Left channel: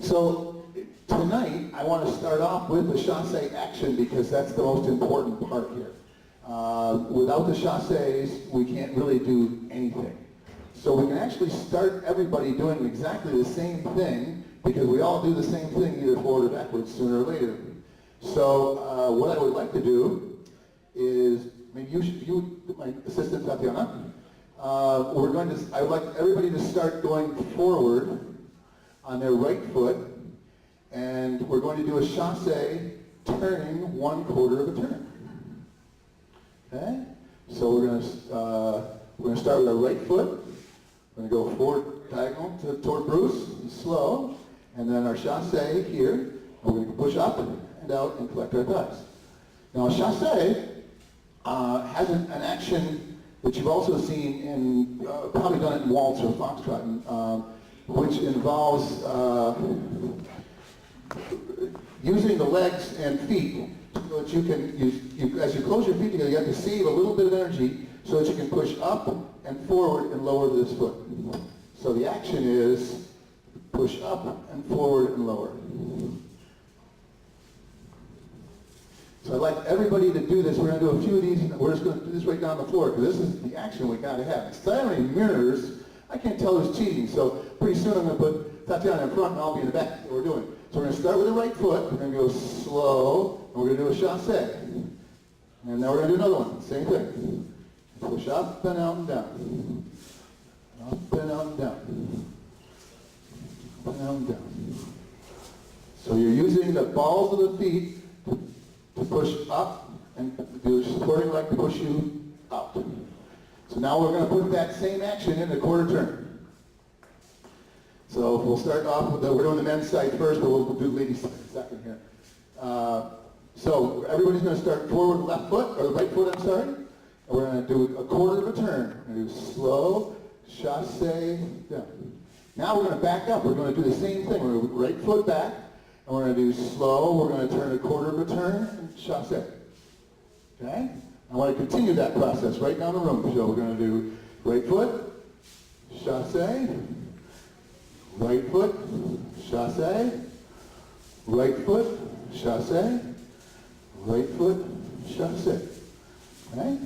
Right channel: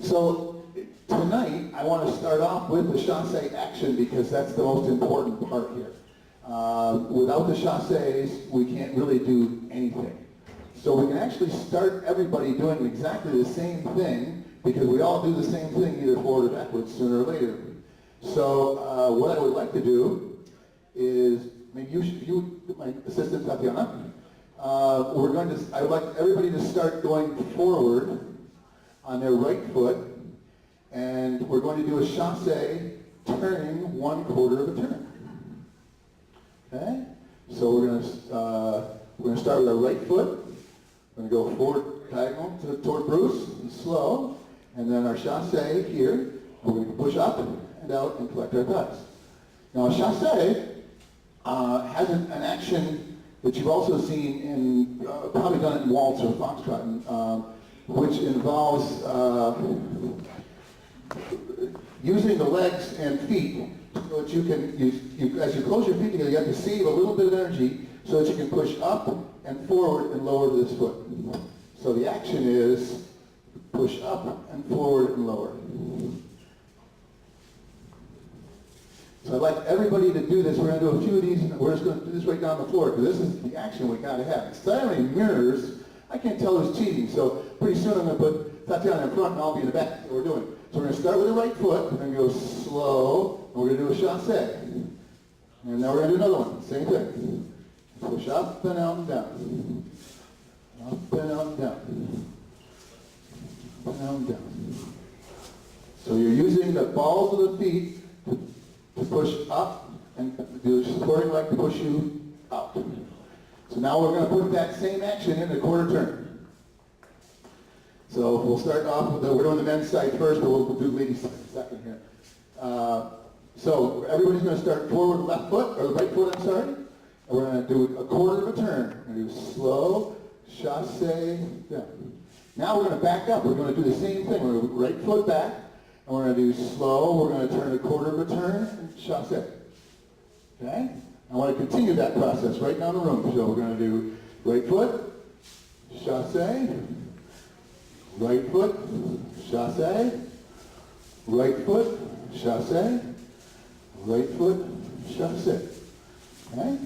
So tonight, I want to start off with the chassé action because that's the most important part here. Without the chassés, we can't really do anything. So we can actually start everybody doing exactly the same thing because we all do the same thing either forward or backwards sooner or later. So what I would like to do is, maybe you my assistant Tatiana, I would like everybody to start going forward on their right foot, and we're going to do a chassé turning 1/4 of a turn. Okay? So we're going to start with our right foot. We're going to go forward diagonal toward Bruce, and slow, and then our chassé here, and we're going to push up and out and collect our thighs. Now a chassé has an action that you've also seen in, probably done it in waltz or foxtrot, which involves using the legs and feet so that you can, as you close your feet together, you have to save a little bit of energy so that you can push up and forward and lower this foot. So the action is push up and forward and lower. So I'd like everybody to do this. We're going to do a few of these, and we're just going to do this right down the floor because this is the action we got to have. Instead of having mirrors, I can't tell who's cheating. So pretty soon I'm going to put Tatiana in front and I'll be in the back. That's what we're doing. So we're going to start with the right foot. We're going to go slow, and we're going to do a chassé. And now we're going to do another one. Same thing. Push up and out and down. Up and out and down. Up and out and down. So you're using the balls of the feet to push up and do supporting leg to push you out. So now we're going to put that same action in the 1/4 turn. So we'll start off with we're doing the men's side first, but we'll do the ladies' side second here. So everybody's going to start forward left foot, or the right foot, I'm sorry. And we're going to do a 1/4 of a turn. We're going to do slow, chassé, down. Now we're going to back up. We're going to do the same thing. We're going to do right foot back, and we're going to do slow. We're going to turn a 1/4 of a turn, and chassé. Okay? I want to continue that process right down the room. So we're going to do right foot, chassé, right foot, chassé, right foot, chassé, right foot, chassé. Okay?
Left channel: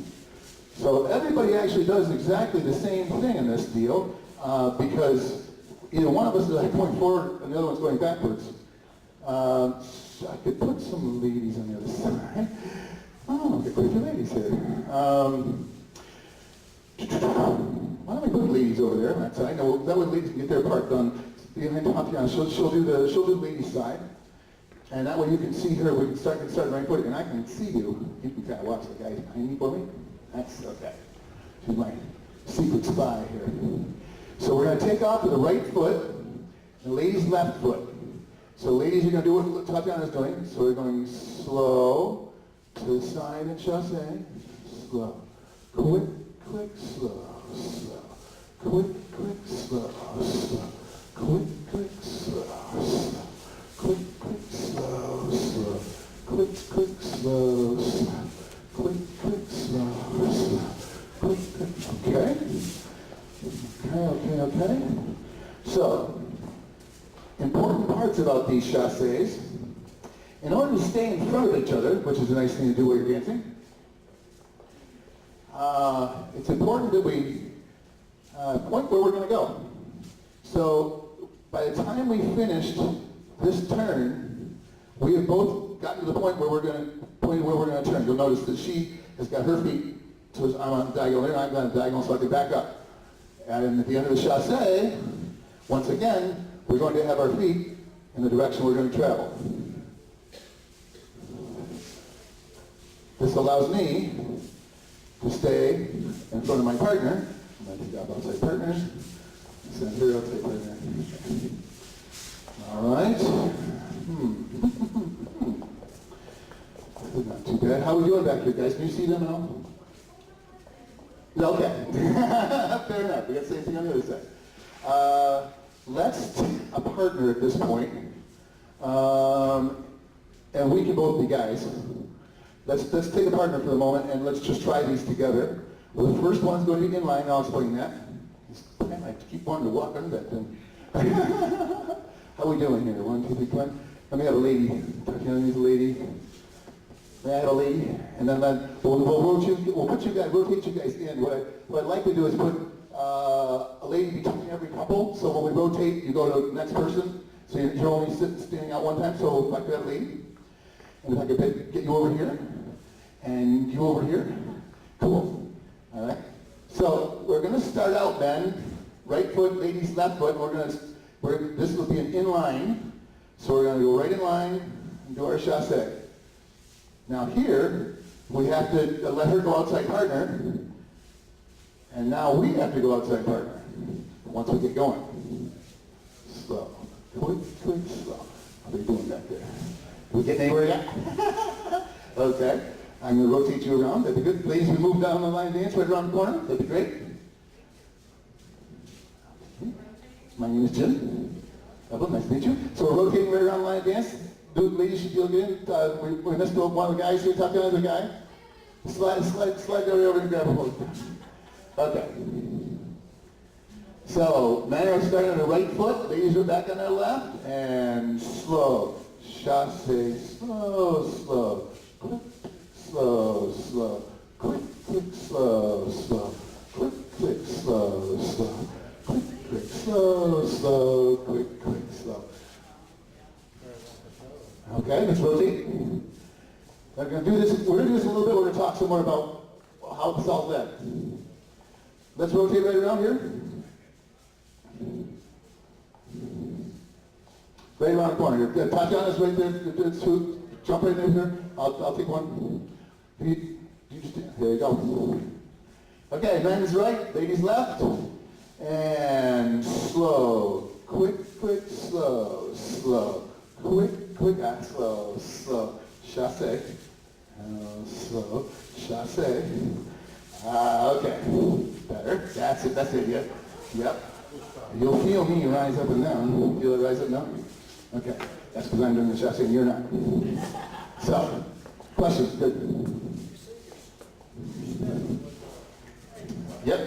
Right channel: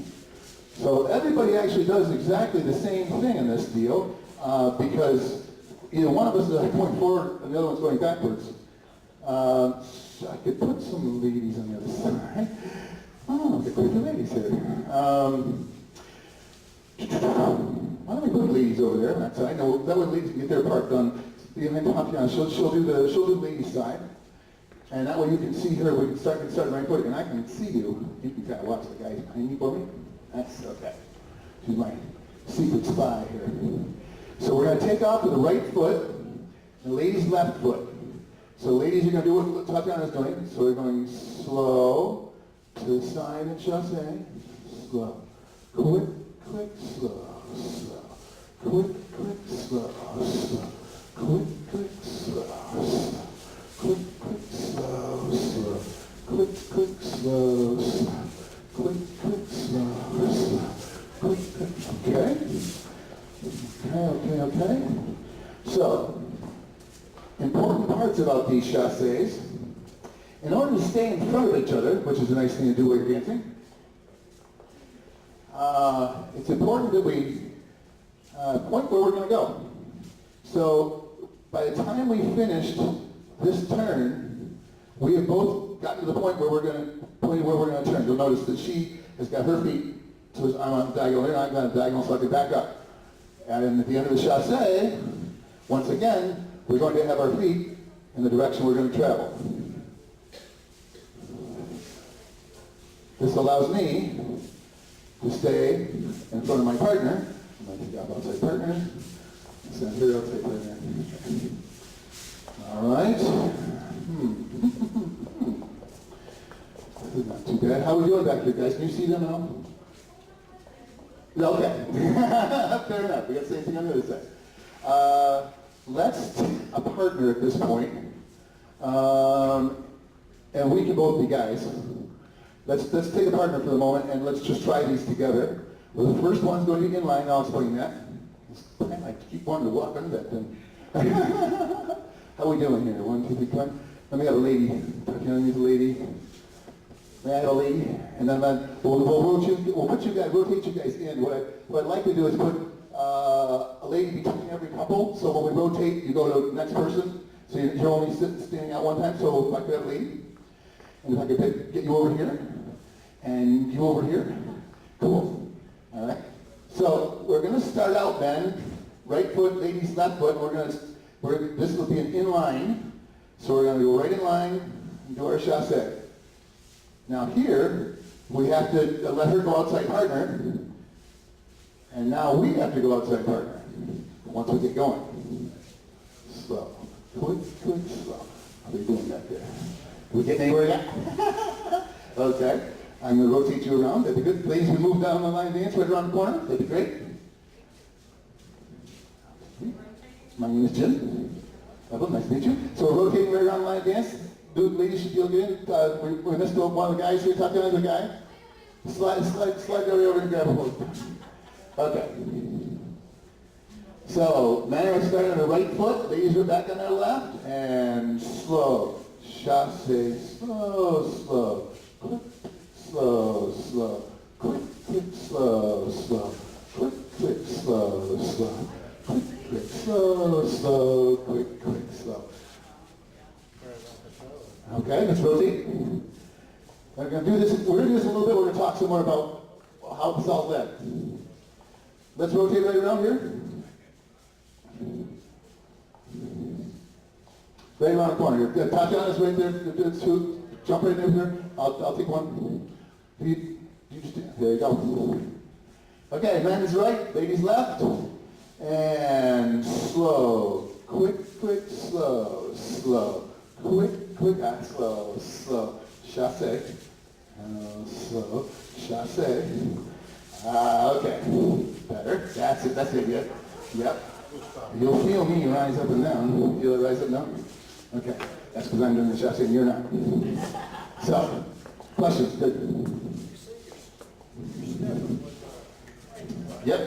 So everybody actually does exactly the same thing in this deal because either one of us is going forward and the other one's going backwards. So I could put some ladies on the other side. Oh, get quite a few ladies here. Why don't we put ladies over there on that side? No, that way ladies can get their part done. She'll do the ladies' side. And that way you can see her. We can start right foot, and I can see you. You can kind of watch the guys behind me for me. That's okay. She's my secret spy here. So we're going to take off with the right foot, the ladies' left foot. So ladies, you're going to do what Tatiana's doing. So we're going slow to the side and chassé. Slow. Quick, quick, slow, slow. Quick, quick, slow, slow. Quick, quick, slow, slow. Quick, quick, slow, slow. Quick, quick, slow, slow. Quick, quick, slow, slow. Quick, quick. Okay. So, important parts about these chassés. In order to stay in front of each other, which is a nice thing to do while you're dancing, it's important that we point where we're going to go. So, by the time we finished this turn, we have both gotten to the point where we're going to turn. You'll notice that she has got her feet, so I'm on diagonal here, and I'm on diagonal, so I can back up. And then at the end of the chassé, once again, we're going to have our feet in the direction we're going to travel. This allows me to stay in front of my partner. I'm going to take off outside partner. Send her outside partner. All right. Not too bad. How are we doing back here, guys? Can you see them now? Okay. Fair enough. We got the same thing on the other side. Let's take a partner at this point. And we can both be guys. Let's take a partner for the moment and let's just try these together. Well, the first one's going to be inline. I'll explain that. I keep wanting to walk under that thing. How we doing here? 1, 2, 3, come on. Let me have a lady. Let me have a lady. May I have a lady? And then we'll put you guys, rotate you guys in. What I'd like to do is put a lady between every couple. So when we rotate, you go to the next person. So you're only standing out one time. So if I could have a lady, and if I could get you over here, and you over here. Cool. All right. So we're going to start out then. Right foot, ladies, left foot. This will be an inline. So we're going to go right in line and do our chassé. Now here, we have to let her go outside partner. And now we have to go outside partner once we get going. Slow. Quick, slow. How are you doing back there? Can we get anywhere yet? Okay. I'm going to rotate you around. That'd be good. Ladies, we move down the line dance right around the corner. That'd be great. My name is Jim. Nice to meet you. So we're rotating right around the line dance. Ladies, should you get in? We missed one of the guys here. Talk to another guy. Slide right over and grab a hold. Okay. So, men are starting on the right foot. Ladies are back on their left. And slow. Chassé. Slow, slow. Quick, slow, slow. Quick, slow, slow. Quick, slow, slow. Quick, slow, slow. Quick, slow. Okay, let's rotate. We're going to do this a little bit. We're going to talk some more about how this all led. Let's rotate right around here. Right around the corner. Tatiana's right there. Jump right in here. I'll take one. You just, there you go. Okay, men is right, ladies left. And slow. Quick, slow, slow. Quick, slow. Chassé. Slow. Chassé. Okay. Better. That's it. Yep. You'll feel me rise up and down. Feel it rise up and down? Okay. That's because I'm doing the chassé and you're not. So, questions? Good. Yep.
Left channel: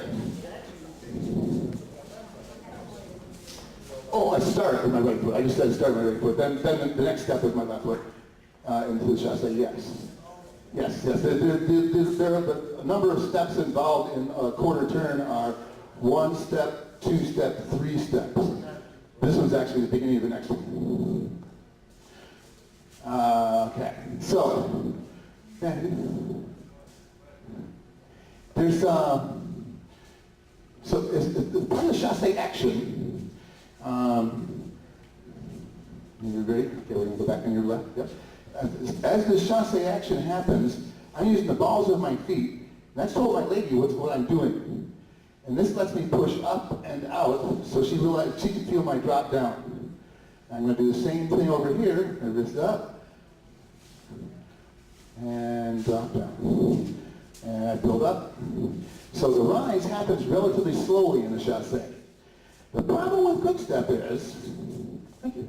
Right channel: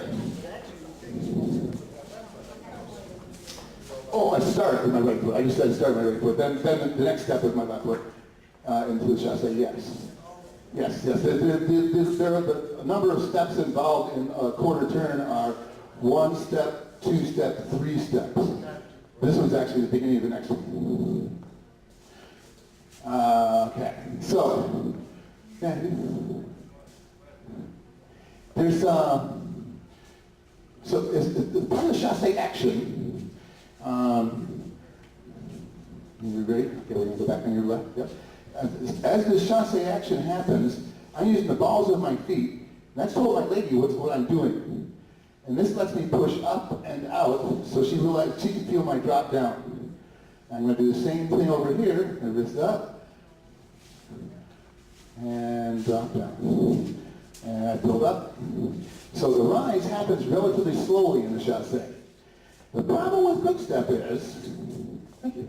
Oh, I start with my right foot. I just said start with my right foot. Then the next step is my left foot into the chassé. Yes. There are a number of steps involved in a quarter turn are 1 step, 2 step, 3 steps. This one's actually the beginning of the next one. Okay. So there's as part of the chassé action. You ready? Okay, we're going to go back on your left. Yep. As the chassé action happens, I'm using the balls of my feet. And I told my lady what I'm doing. And this lets me push up and out so she can feel my drop down. I'm going to do the same thing over here. Wrist up. And drop down. And I build up. So the rise happens relatively slowly in the chassé. The problem with Quickstep is, thank you,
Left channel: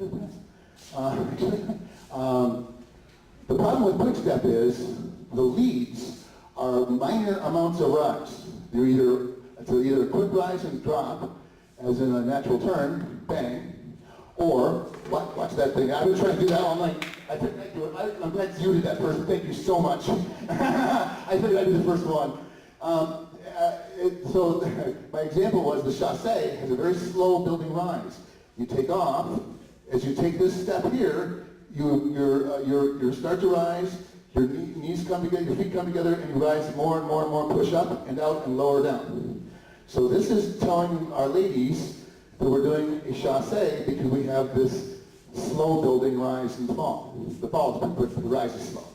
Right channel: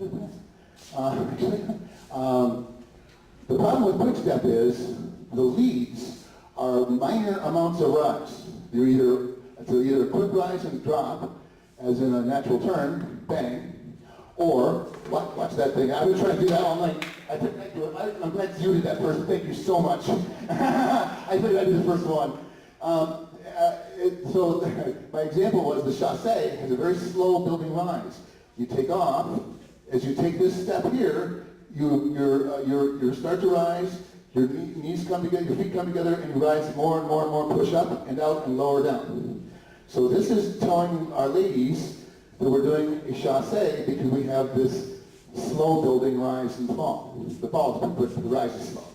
the problem with Quickstep is the leads are minor amounts of rise. It's either a quick rise and drop, as in a natural turn, bang, or, watch that thing. I was trying to do that all night. I think I do it. I'm glad you did that first. Thank you so much. I think I did the first one. So my example was the chassé has a very slow building rise. You take off. As you take this step here, you start to rise. Your knees come together, your feet come together, and you rise more and more and more. Push up and out and lower down. So this is telling our ladies that we're doing a chassé because we have this slow building rise and fall. The fall is pretty quick, but the rise is slow.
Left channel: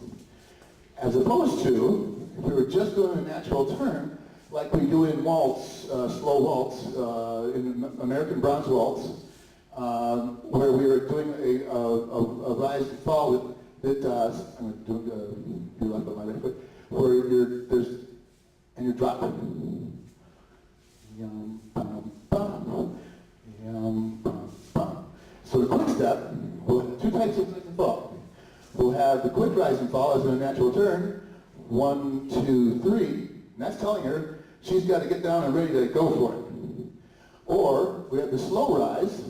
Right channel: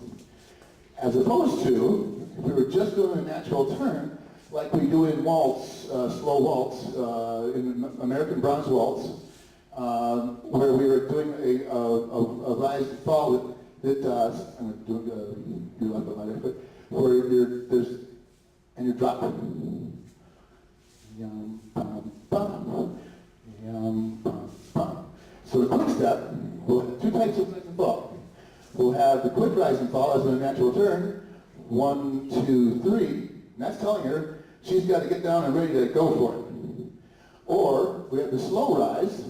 As opposed to, if we were just doing a natural turn, like we do in waltz, slow waltz, in American bronze waltz, where we were doing a rise and fall that I'm going to do your left foot, my right foot, where you're dropping. Yum, bum, bum. Yum, bum, bum. So the quick step, we'll have two types of rise and fall. We'll have the quick rise and fall as in a natural turn, 1, 2, 3, and that's telling her she's got to get down and ready to go for it. Or we have the slow rise,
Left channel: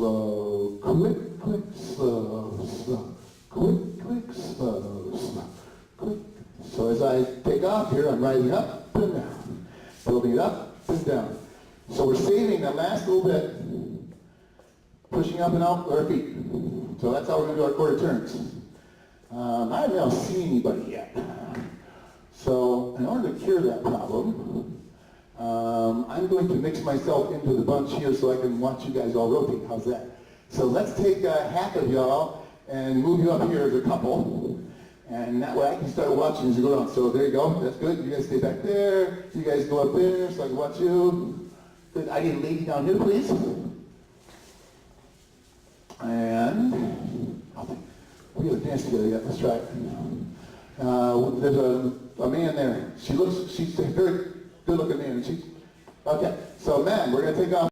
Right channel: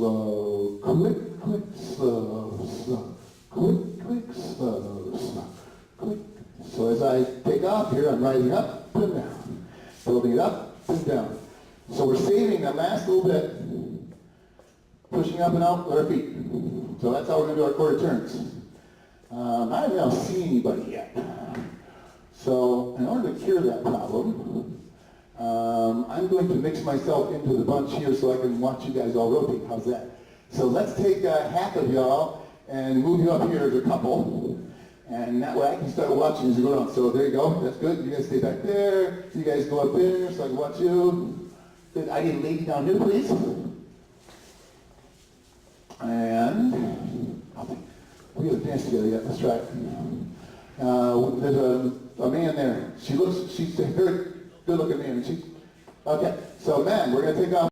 slow, quick, quick, slow, slow, quick, quick, slow, slow, quick. So as I take off here, I'm rising up and down, building it up and down. So we're saving that last little bit, pushing up and out with our feet. So that's how we're going to do our quarter turns. I haven't now seen anybody yet. So in order to cure that problem, I'm going to mix myself into the bunch here so I can watch you guys all rotate. How's that? So let's take half of y'all and move you up here as a couple. And that way I can start watching as you go around. So there you go. That's good. You guys stay back there. You guys go up there so I can watch you. Good. I need a lady down here, please. And we haven't danced together yet. Let's try it. There's a man there. She's a very good-looking man. Okay. So, man, we're going to take off